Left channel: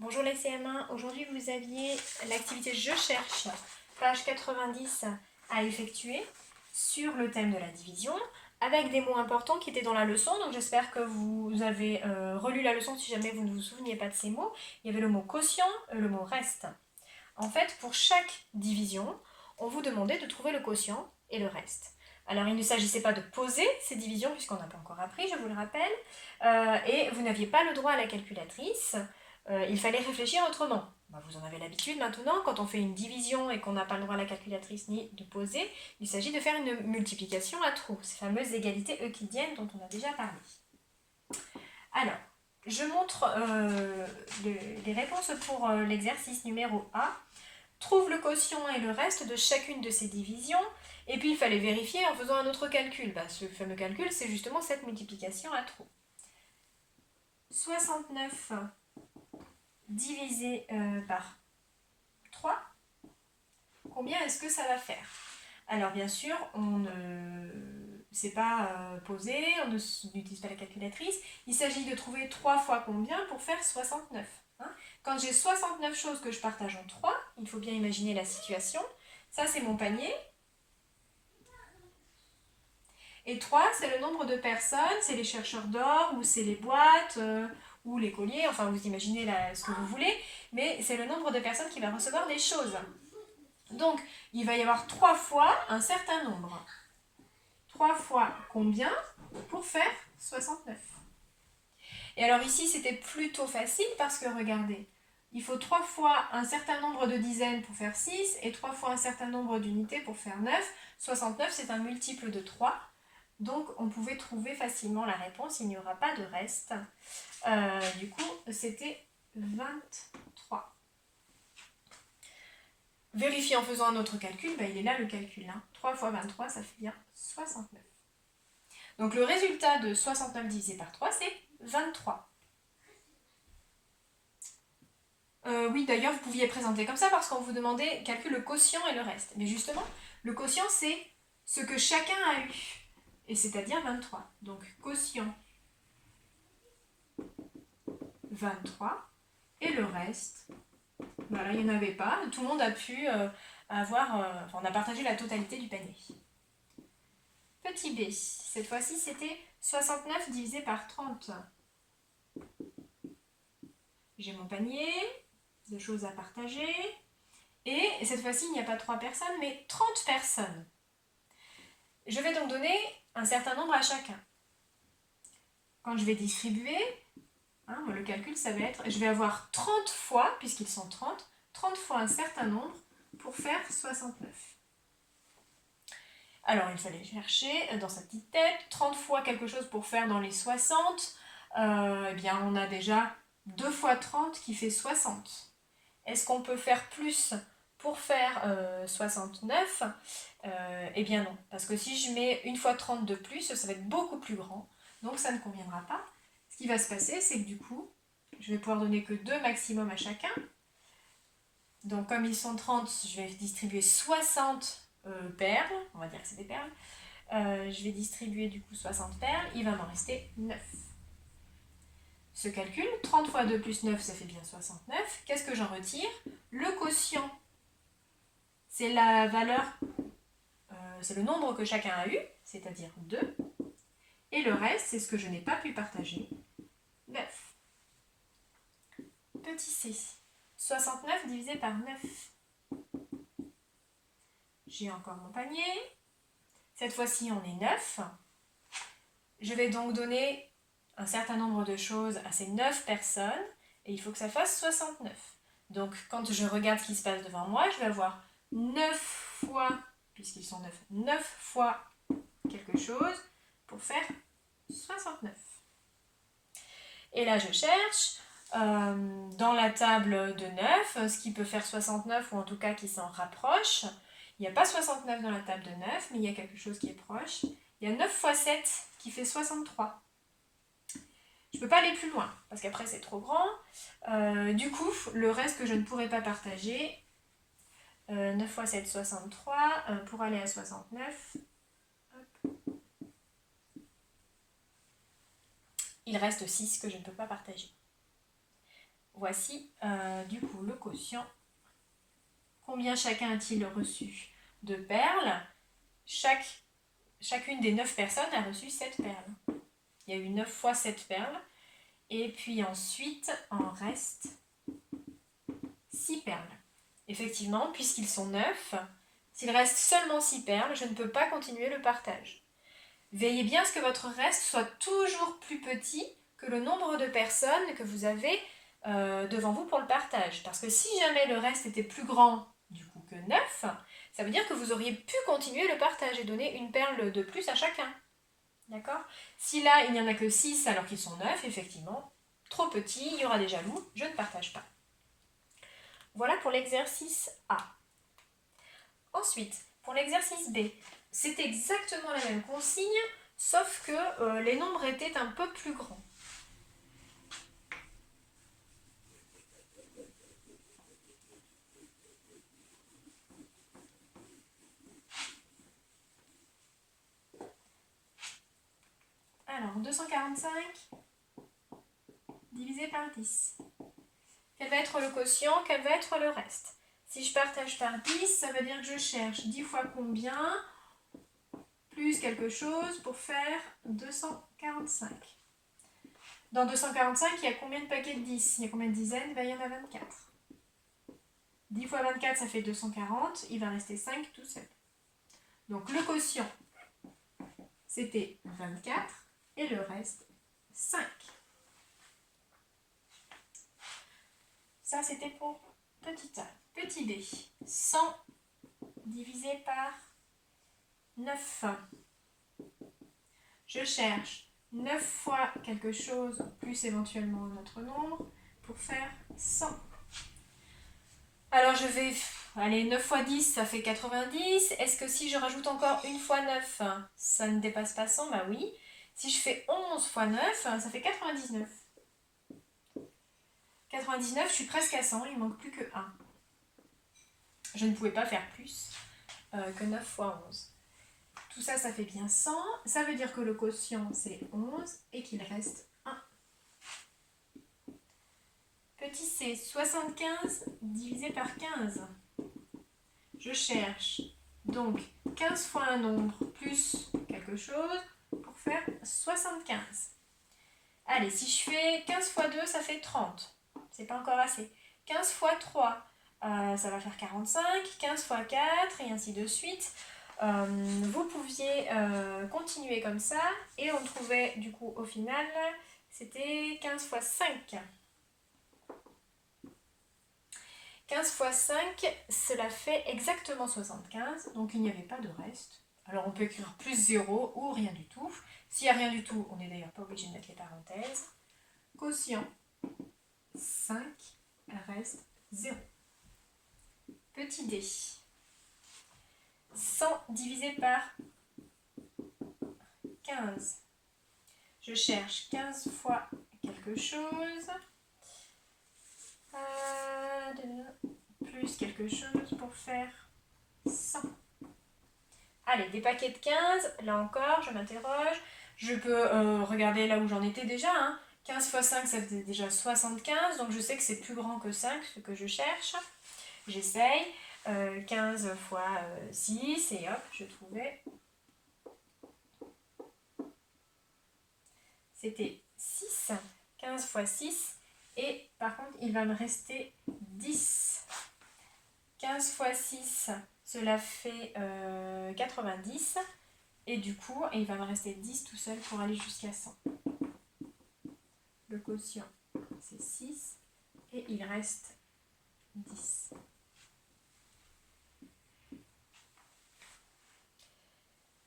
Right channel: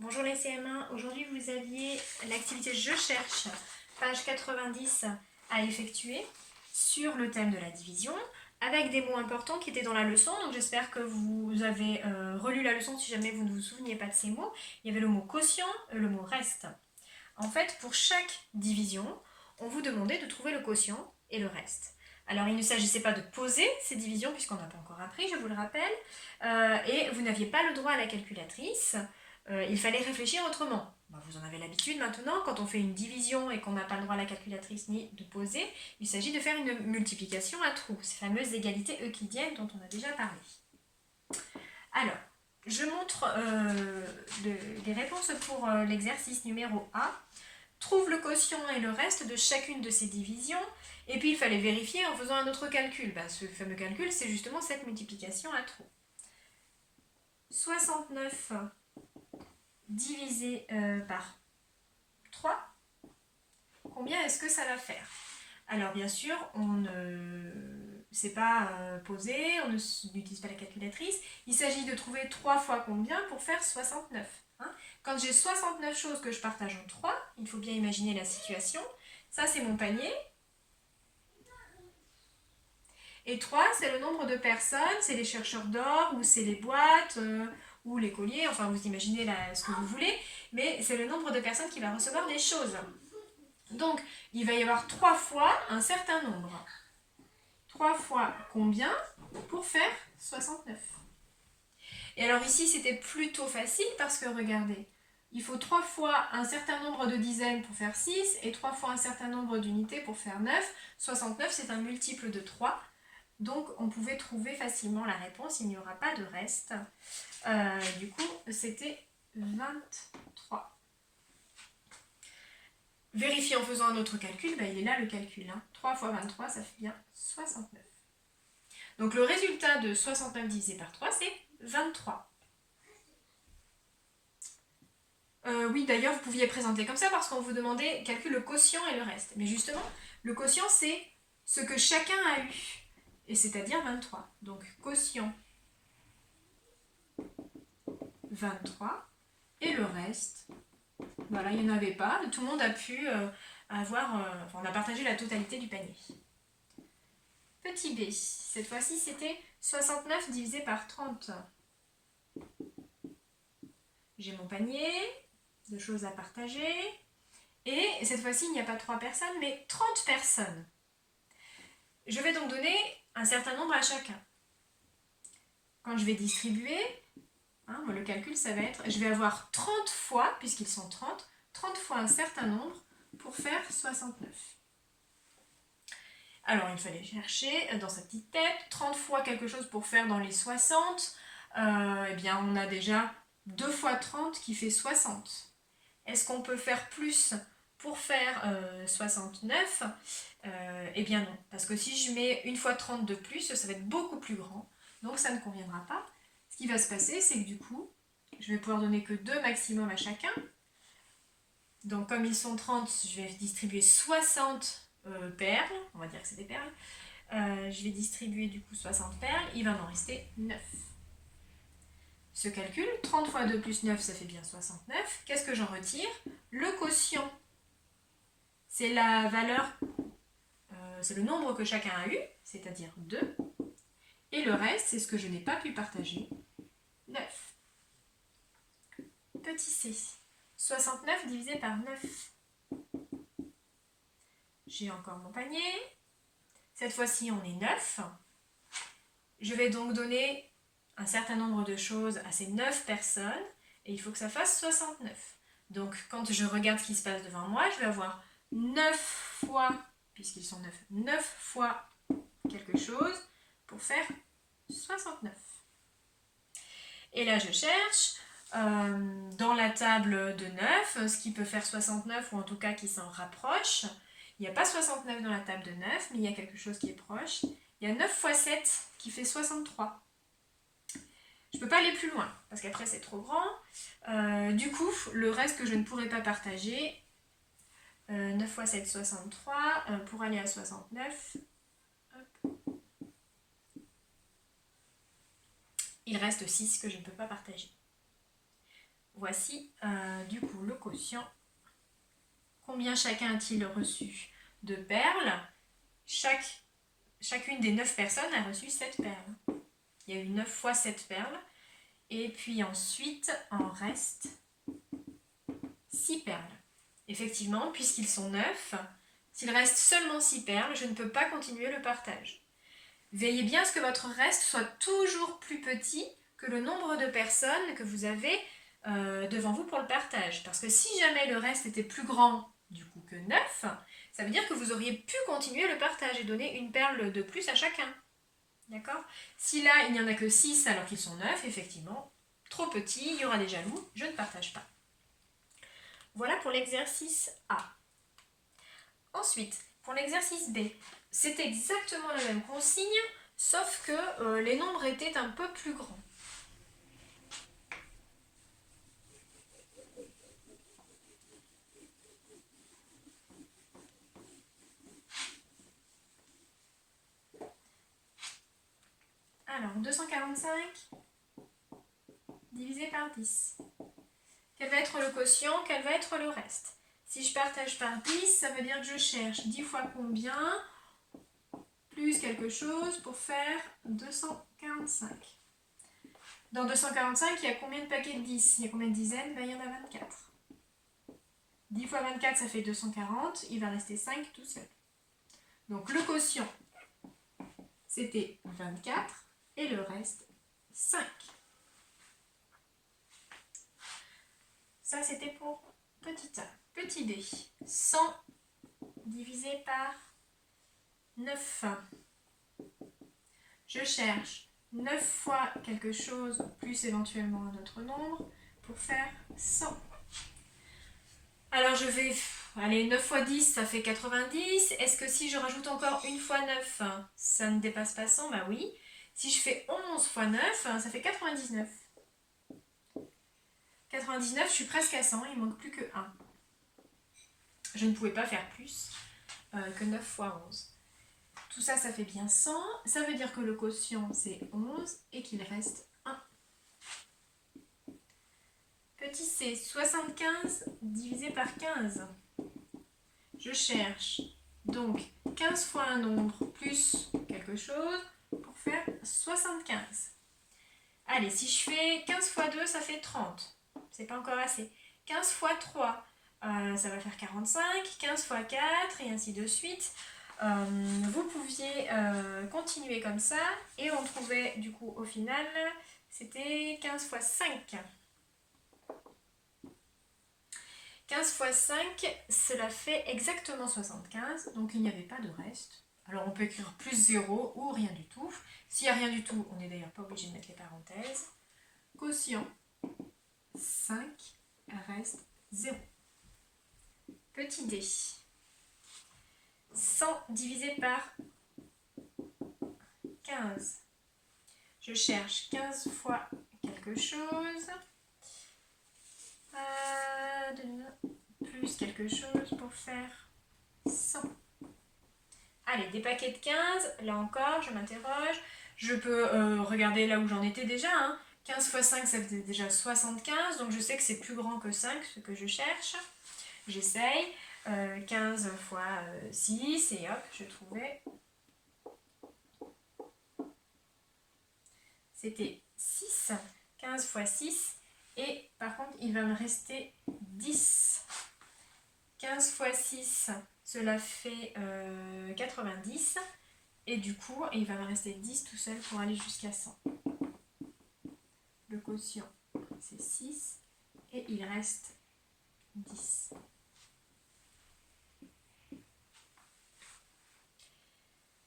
Bonjour les CM1, aujourd'hui vous aviez l'activité Je cherche, page 90 à effectuer sur le thème de la division avec des mots importants qui étaient dans la leçon, donc j'espère que vous avez relu la leçon si jamais vous ne vous souveniez pas de ces mots. Il y avait le mot quotient, le mot reste. En fait, pour chaque division, on vous demandait de trouver le quotient et le reste. Alors il ne s'agissait pas de poser ces divisions puisqu'on n'a pas encore appris, je vous le rappelle, et vous n'aviez pas le droit à la calculatrice. Il fallait réfléchir autrement. Vous en avez l'habitude maintenant, quand on fait une division et qu'on n'a pas le droit à la calculatrice ni de poser, il s'agit de faire une multiplication à trous, ces fameuses égalités euclidiennes dont on a déjà parlé. Alors, je montre les réponses pour l'exercice numéro A. Trouve le quotient et le reste de chacune de ces divisions, et puis il fallait vérifier en faisant un autre calcul. Ce fameux calcul, c'est justement cette multiplication à trous. 69 divisé par 3, combien est-ce que ça va faire? Alors bien sûr, on ne sait pas poser, on n'utilise pas la calculatrice. Il s'agit de trouver 3 fois combien pour faire 69. Quand j'ai 69 choses que je partage en 3, il faut bien imaginer la situation. Ça, c'est mon panier. Et 3, c'est le nombre de personnes, c'est les chercheurs d'or, ou c'est les boîtes, ou les colliers, enfin vous imaginez ce que vous voulez, mais c'est le nombre de personnes qui va recevoir des choses. Donc, il va y avoir 3 fois un certain nombre. 3 fois combien pour faire 69? Et alors ici, c'était plutôt facile parce que, regardez, il faut 3 fois un certain nombre de dizaines pour faire 6 et 3 fois un certain nombre d'unités pour faire 9. 69, c'est un multiple de 3. Donc, on pouvait trouver facilement la réponse. Il n'y aura pas de reste. Du coup, c'était 23. Vérifier en faisant un autre calcul, il est là le calcul. 3 fois 23, ça fait bien 69. Donc le résultat de 69 divisé par 3, c'est 23. Oui, d'ailleurs, vous pouviez présenter comme ça parce qu'on vous demandait calcul le quotient et le reste. Mais justement, le quotient, c'est ce que chacun a eu, et c'est-à-dire 23. Donc quotient 23, et le reste, voilà, il n'y en avait pas. Tout le monde a pu avoir, on a partagé la totalité du panier. Petit b, cette fois-ci c'était 69 divisé par 30. J'ai mon panier de choses à partager. Et cette fois-ci, il n'y a pas 3 personnes, mais 30 personnes. Je vais donc donner un certain nombre à chacun. Quand je vais distribuer, le calcul, ça va être, je vais avoir 30 fois, puisqu'ils sont 30 fois un certain nombre pour faire 69. Alors, il fallait chercher dans sa petite tête 30 fois quelque chose pour faire dans les 60. Eh bien, on a déjà 2 fois 30 qui fait 60. Est-ce qu'on peut faire plus pour faire 69 ? Eh bien non, parce que si je mets une fois 30 de plus, ça va être beaucoup plus grand, donc ça ne conviendra pas. Ce qui va se passer, c'est que du coup, je vais pouvoir donner que 2 maximum à chacun. Donc comme ils sont 30, je vais distribuer 60 perles, on va dire que c'est des perles. Je vais distribuer du coup 60 perles, il va m'en rester 9. Ce calcul, 30 fois 2 plus 9, ça fait bien 69. Qu'est-ce que j'en retire? Le quotient, c'est la valeur, c'est le nombre que chacun a eu, c'est-à-dire 2. Et le reste, c'est ce que je n'ai pas pu partager, 9. Petit c, 69 divisé par 9. J'ai encore mon panier. Cette fois-ci, on est 9. Je vais donc donner un certain nombre de choses à ces 9 personnes et il faut que ça fasse 69. Donc, quand je regarde ce qui se passe devant moi, je vais avoir 9 fois, puisqu'ils sont 9, 9 fois quelque chose pour faire 69. Et là, je cherche dans la table de 9, ce qui peut faire 69 ou en tout cas qui s'en rapproche. Il n'y a pas 69 dans la table de 9, mais il y a quelque chose qui est proche. Il y a 9 fois 7 qui fait 63. Je ne peux pas aller plus loin, parce qu'après c'est trop grand. Du coup, le reste que je ne pourrai pas partager, 9 fois 7, 63, pour aller à 69, hop. Il reste 6 que je ne peux pas partager. voici du coup le quotient. Combien chacun a-t-il reçu de perles? Chacune des 9 personnes a reçu 7 perles. Il y a eu 9 fois 7 perles. Et puis ensuite, en reste 6 perles. Effectivement, puisqu'ils sont 9, s'il reste seulement 6 perles, je ne peux pas continuer le partage. Veillez bien à ce que votre reste soit toujours plus petit que le nombre de personnes que vous avez devant vous pour le partage. Parce que si jamais le reste était plus grand du coup que 9, ça veut dire que vous auriez pu continuer le partage et donner une perle de plus à chacun. D'accord? Si là, il n'y en a que 6 alors qu'ils sont 9, effectivement, trop petit, il y aura des jaloux, je ne partage pas. Voilà pour l'exercice A. Ensuite, pour l'exercice B, c'est exactement la même consigne, sauf que les nombres étaient un peu plus grands. Alors, 245 divisé par 10. Quel va être le quotient? Quel va être le reste? Si je partage par 10, ça veut dire que je cherche 10 fois combien plus quelque chose pour faire 245. Dans 245, il y a combien de paquets de 10? Il y a combien de dizaines? Il y en a 24. 10 fois 24, ça fait 240. Il va rester 5 tout seul. Donc le quotient, c'était 24 et le reste, 5. Ça, c'était pour petit a. Petit b, 100 divisé par 9. Je cherche 9 fois quelque chose plus éventuellement un autre nombre pour faire 100. Alors je vais... Allez, 9 fois 10, ça fait 90. Est-ce que si je rajoute encore une fois 9, ça ne dépasse pas 100? Bah oui. Si je fais 11 fois 9, ça fait 99. 99, je suis presque à 100, il ne manque plus que 1. Je ne pouvais pas faire plus que 9 fois 11. Tout ça, ça fait bien 100. Ça veut dire que le quotient, c'est 11 et qu'il reste 1. Petit c, 75 divisé par 15. Je cherche donc 15 fois un nombre plus quelque chose pour faire 75. Allez, si je fais 15 fois 2, ça fait 30. C'est pas encore assez. 15 fois 3, ça va faire 45. 15 fois 4 et ainsi de suite. Vous pouviez continuer comme ça et on trouvait du coup au final, c'était 15 fois 5. 15 fois 5, cela fait exactement 75, donc il n'y avait pas de reste. Alors on peut écrire plus 0 ou rien du tout. S'il n'y a rien du tout, on n'est d'ailleurs pas obligé de mettre les parenthèses. Quotient, 5 reste 0. Petit d, 100 divisé par 15. Je cherche 15 fois quelque chose, plus quelque chose pour faire 100. Allez, des paquets de 15, là encore, je m'interroge. Je peux regarder là où j'en étais déjà. 15 fois 5, ça fait déjà 75, donc je sais que c'est plus grand que 5, ce que je cherche. J'essaye. 15 fois 6, et hop, je trouvais. C'était 6. 15 fois 6. Et par contre, il va me rester 10. 15 fois 6, cela fait 90. Et du coup, il va me rester 10 tout seul pour aller jusqu'à 100. Le quotient, c'est 6. Et il reste 10.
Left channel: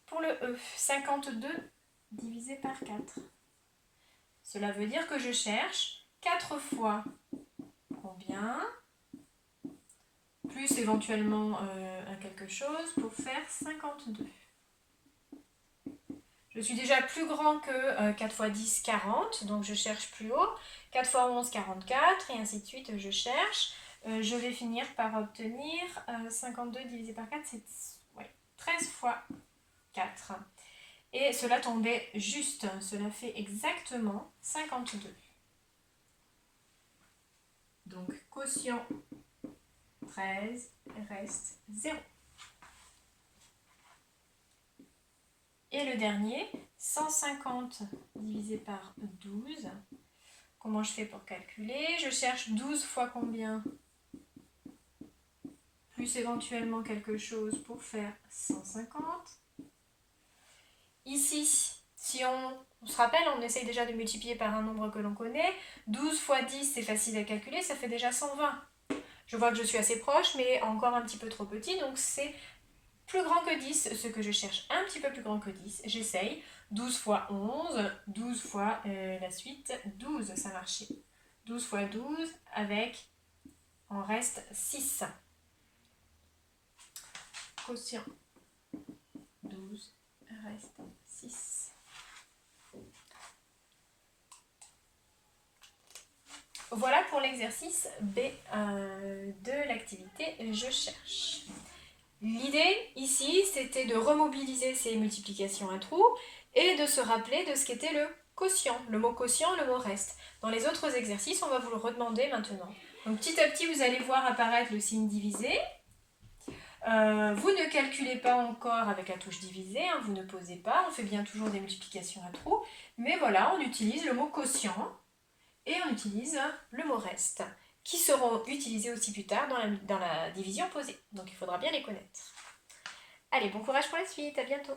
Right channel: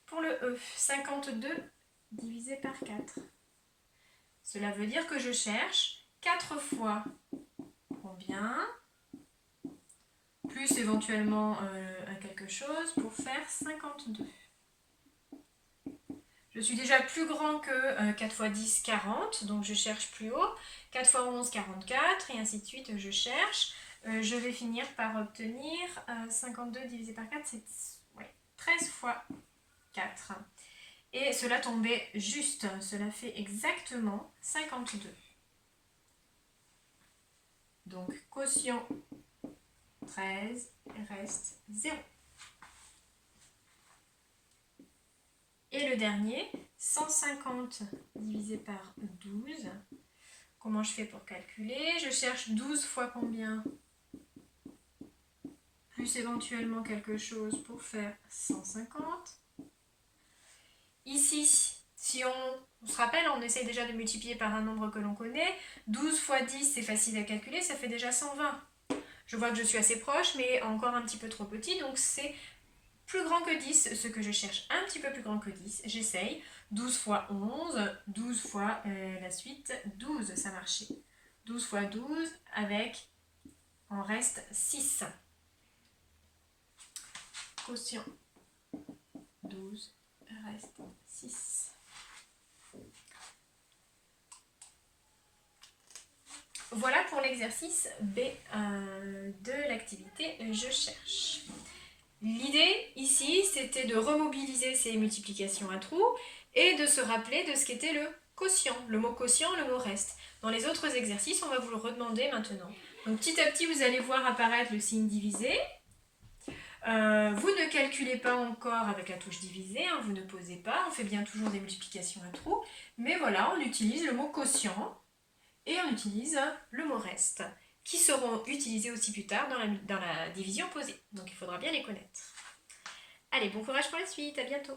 Pour le E, 52 divisé par 4. Cela veut dire que je cherche 4 fois combien, plus éventuellement quelque chose pour faire 52. Je suis déjà plus grand que 4 fois 10, 40, donc je cherche plus haut. 4 fois 11, 44, et ainsi de suite, je cherche. Je vais finir par obtenir 52 divisé par 4, c'est 13 fois 4. Et cela tombait juste, cela fait exactement 52. quotient 13, reste 0. Et le dernier, 150 divisé par 12. Comment je fais pour calculer? Je cherche 12 fois combien? Plus éventuellement quelque chose pour faire 150. Ici, si on se rappelle, on essaye déjà de multiplier par un nombre que l'on connaît. 12 fois 10, c'est facile à calculer, ça fait déjà 120. Je vois que je suis assez proche, mais encore un petit peu trop petit, donc c'est plus grand que 10, ce que je cherche un petit peu plus grand que 10. J'essaye. 12 fois 11, 12 fois la suite, 12, ça marchait. 12 fois 12 avec, en reste 6. Quotient 12, reste 6. Voilà pour l'exercice B de l'activité Je cherche. L'idée ici, c'était de remobiliser ces multiplications à trous et de se rappeler de ce qu'était le quotient. Le mot quotient, le mot reste. Dans les autres exercices, on va vous le redemander maintenant. Donc petit à petit, vous allez voir apparaître le signe divisé. Vous ne calculez pas encore avec la touche divisé, hein, vous ne posez pas, on fait bien toujours des multiplications à trous, mais voilà, on utilise le mot quotient et on utilise le mot reste, qui seront utilisés aussi plus tard dans la division posée. Donc il faudra bien les connaître. Allez, bon courage pour la suite, à bientôt.